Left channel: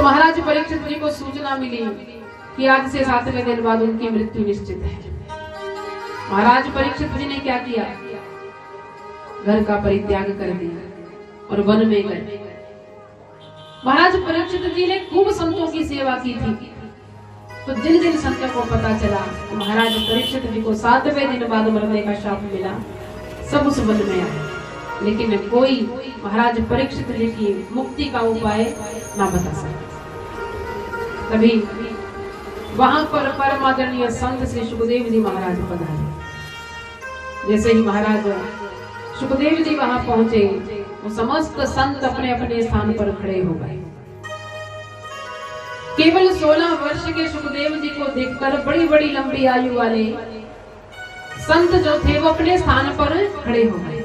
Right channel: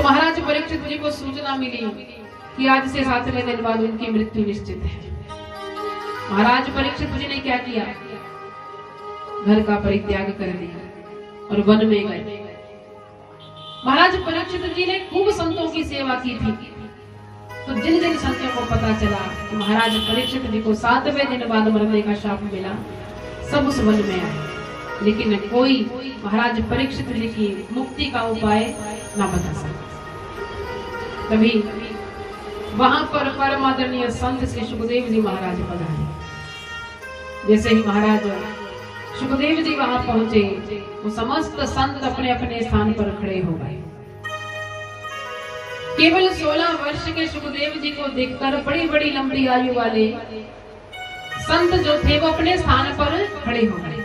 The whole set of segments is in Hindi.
तो महाराज परीक्षित जी को सूचना मिली कि आज से 7वें दिन बाद उनकी मृत्यु निश्चित है। महाराज परीक्षित जी ने क्या किया, घर का परित्याग कर दिया और वन में गए। महाराज परीक्षित जी ने खूब संतों की सेवा की थी। तो जिन जिन संतों को पता चला कि महाराज परीक्षित जी को 7वें दिन बाद मरने का शाप मिला, सब उस वन में आए, लेकिन कोई महाराज परीक्षित जी की मुक्ति का उपाय ना बता सके। तभी वहां पर परम आदरणीय संत श्री सुखदेव जी महाराज पधारे। जैसे ही महाराज सुखदेव जी वहां पहुंचे, वो समस्त संत अपने अपने स्थान पर खड़े हो गए। केवल 16 वर्ष के सुखदेव जी को देखकर बड़ी बड़ी लंबी आयु वाले संत जो थे वो अपने स्थान पर खड़े हो गए।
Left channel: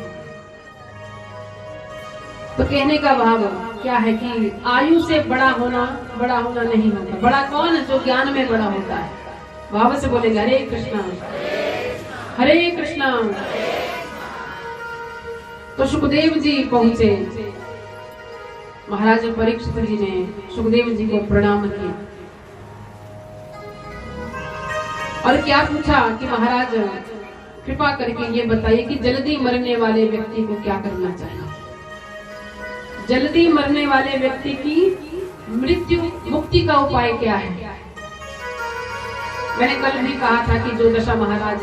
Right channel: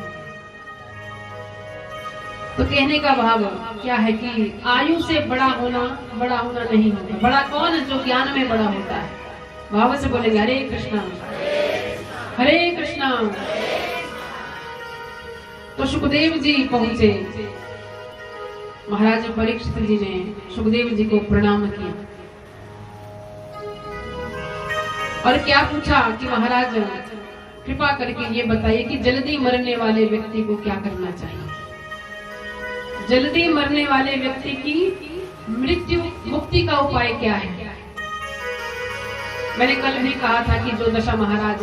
तो कहने का भाव क्या है कि आयु से बड़ा होना नहीं होता। बड़ा कौन, जो ज्ञान में बड़ा होता है। भाव से बोलेंगे हरे कृष्णा हरे कृष्णा। तो सुखदेव जी पहुंचे। महाराज परीक्षित जी ने सुखदेव जी को प्रणाम किया और क्या पूछा कि महाराज कृपा करके ये बताइए कि जल्दी मरने वाले व्यक्ति को क्या करना चाहिए। जल्दी मरने वाले व्यक्ति की मृत्यु मुक्ति का उपाय क्या है। मैंने कल भी कहा था कि जो दशा महाराज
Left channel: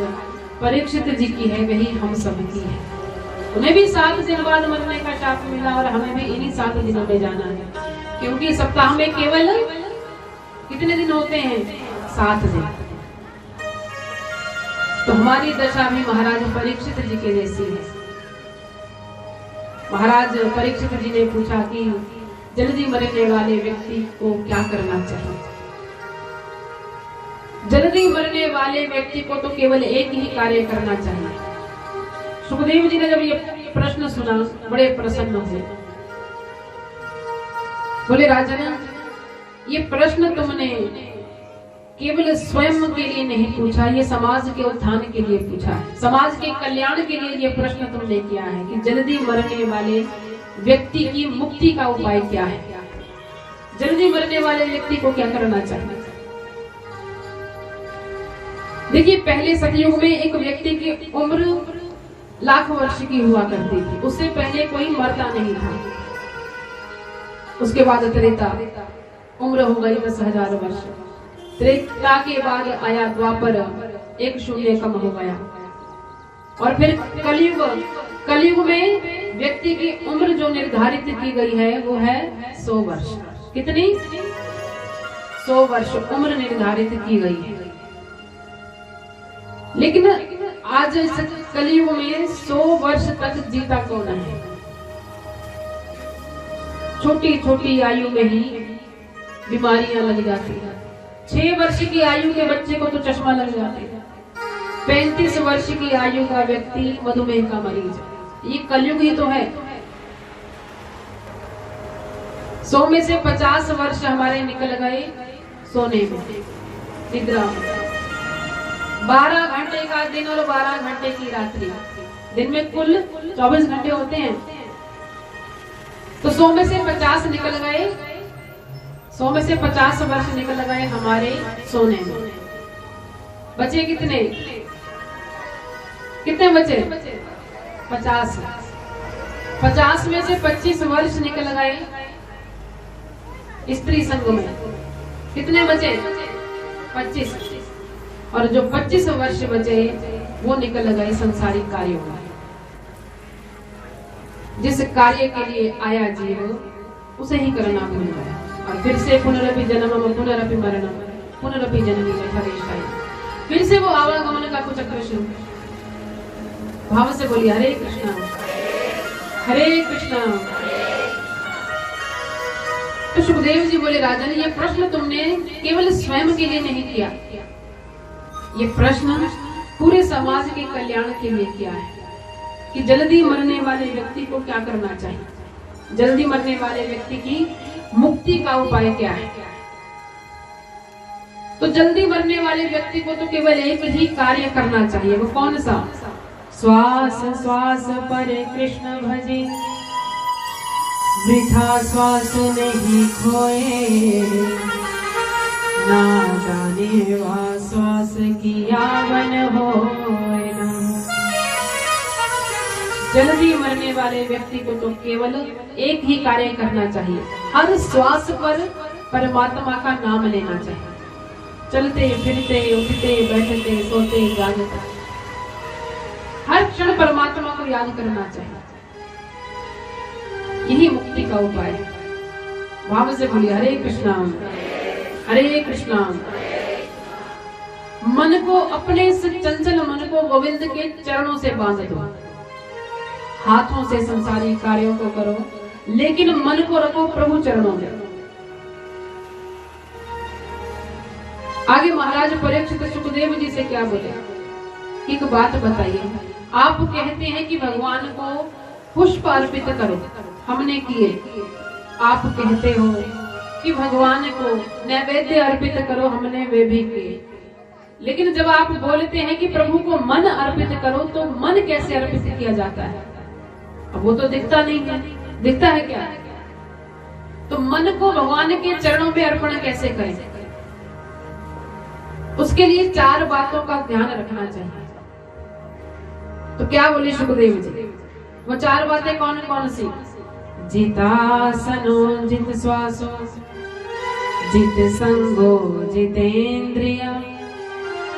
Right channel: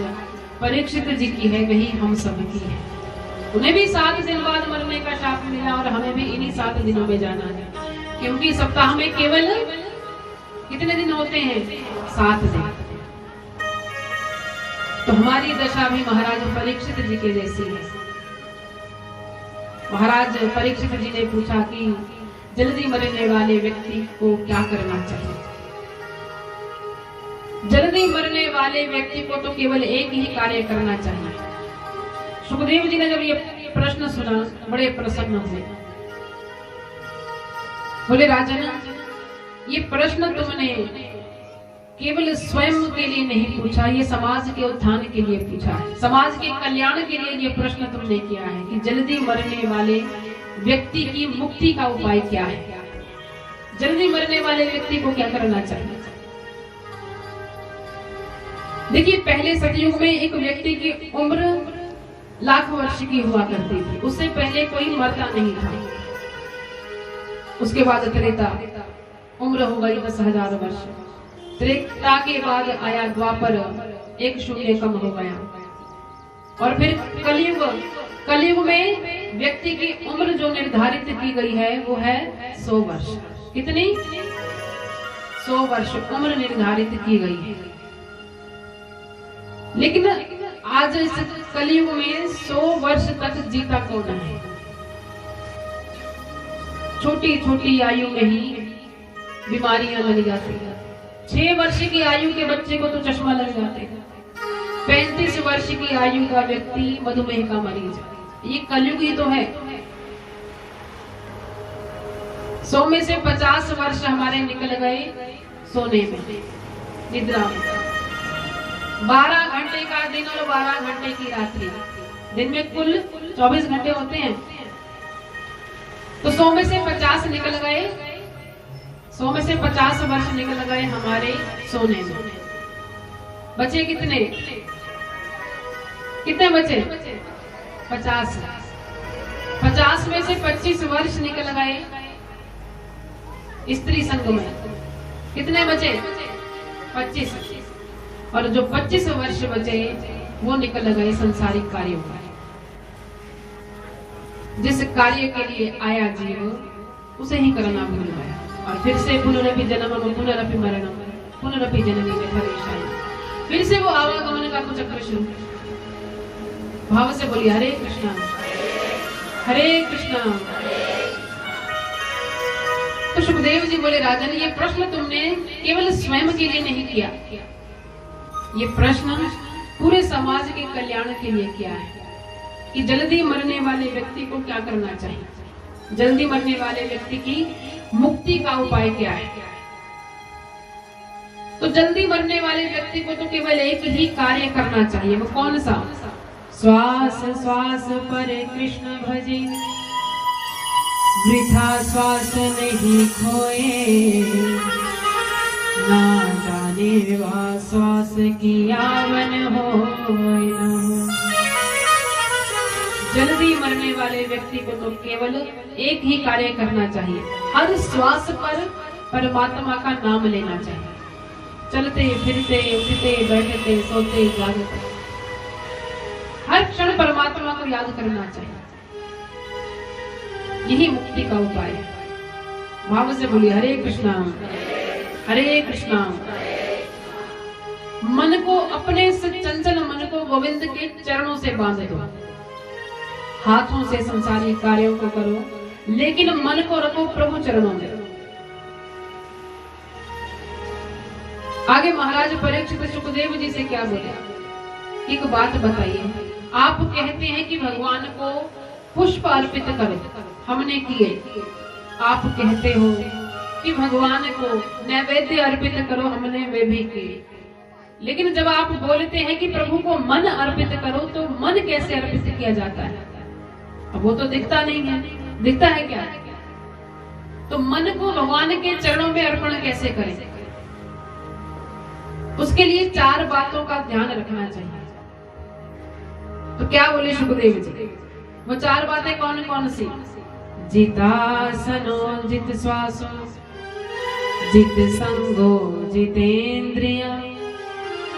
परीक्षित जी की है वही हम सब की है। उन्हें भी 7 दिन बाद मरने का शाप मिला और हमें भी इन्हीं 7 दिनों में जाना है, क्योंकि सप्ताह में केवल कितने दिन होते हैं, 7 दिन। तो हमारी दशा भी महाराज परीक्षित जी के जैसी है। महाराज परीक्षित जी ने पूछा कि जल्दी मरने वाले व्यक्ति को क्या करना चाहिए। जल्दी मरने वाले व्यक्ति को तो केवल एक ही कार्य करना चाहिए। सुखदेव जी ने जब ये प्रश्न सुना बड़े प्रसन्न हुए। बोले राजन, ये प्रश्न तुमने केवल स्वयं के लिए नहीं पूछा, ये समाज के उत्थान के लिए पूछा है। समाज के कल्याण के लिए ये प्रश्न तुमने किया है कि जल्दी मरने वाले व्यक्ति की मुक्ति का उपाय क्या है। जल्दी मरने वाले व्यक्ति को क्या करना चाहिए। देखिए, पहले सतयुग में एक व्यक्ति की उम्र लाख वर्ष की हुआ करती थी। उससे पहले कोई मरता नहीं था। उसके बाद त्रेता, उम्र हो गई 10,000 वर्ष। त्रेता के बाद आया द्वापर, 1 शून्य कम हो गया। और फिर कलयुग। कलयुग में व्यक्ति की उम्र जो निर्धारित की गई है वो है 100 वर्ष। कितनी? 100 वर्ष उम्र निर्धारित की गई है। लेकिन आज इस कलयुग में 100 वर्ष तक जीता कौन है। छोटी छोटी आयु में ही बीमारियां लग जाती है। 6 वर्ष की आयु के बच्चे को तो चश्मा लग जाते हैं। 35 वर्ष की आयु का व्यक्ति मधुमेह का मरीज। ये कलयुग ही तो है। 100 में से 50 वर्ष हमारे निकल गए सोने में, निद्रा में। 12 घंटे का दिन और 12 घंटे की रात्रि। दिन में कुल 24 घंटे होते हैं। तो 100 में से 50 निकल गए। 100 में से 50 वर्ष निकल गए हमारे सोने में। बचे कितने? कितने बचे? 50। 50 में से 25 वर्ष निकल गए स्त्री संग में। कितने बचे? 25। और जो 25 वर्ष बचे वो निकल गए संसारिक कार्यों में। जिस कार्य के लिए आया जीव उसे ही करना भूल गया और फिर से पुनरपि जन्मम पुनरपि मरणम पुनरपि जननी जठरेशाय। फिर से वो आवागमन का कुचक्र शुरू। भाव से बोलिए हरे कृष्णा हरे कृष्णा। तो सुखदेव जी बोले राजन, ये प्रश्न तुमने केवल स्वयं के लिए नहीं किया, ये प्रश्न पूरे समाज के कल्याण के लिए किया है कि जल्दी मरने वाले व्यक्ति को क्या करना चाहिए। जल्दी मरने वाले व्यक्ति की मुक्ति का उपाय क्या है। तो जल्दी मरने वाले व्यक्ति को तो केवल एक ही कार्य करना चाहिए। वो कौन सा? श्वास श्वास पर कृष्ण भजे, वृथा श्वास नहीं खोए, ना जाने वा श्वास की यावन होए ना। जल्दी मरने वाले व्यक्ति को तो केवल एक ही कार्य करना चाहिए, हर श्वास पर परमात्मा का नाम लेना चाहिए। चलते फिरते उठते बैठते सोते जागते हर क्षण परमात्मा को याद करना चाहिए। यही मुक्ति का उपाय है। भाव से बोलिए हरे कृष्णा हरे कृष्णा। मन को, अपने इस चंचल मन को गोविंद के चरणों से बांध दो। हाथों से संसारी कार्यों को करो, लेकिन मन को रखो प्रभु चरणों में। आगे महाराज परीक्षित सुखदेव जी से क्या बोले, एक बात बताइए। आप कहते हैं कि भगवान को पुष्प अर्पित करो, हमने किए। आप कहते हो कि भगवान को नैवेद्य अर्पित करो, हमने वे भी किए। लेकिन जब आप बोलते हैं कि प्रभु को मन अर्पित करो, तो मन कैसे अर्पित किया जाता है? अब वो तो दिखता नहीं है, दिखता है क्या? तो मन को भगवान के चरणों में अर्पण कैसे करें? उसके लिए 4 बातों का ध्यान रखना चाहिए। तो क्या बोले सुखदेव जी? वो 4 बातें कौन कौन सी? जितासनो जित श्वासो जित संगो जितेन्द्रिया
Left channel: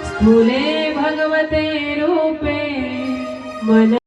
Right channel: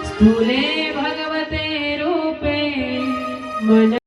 स्थूले भगवते रूपे मन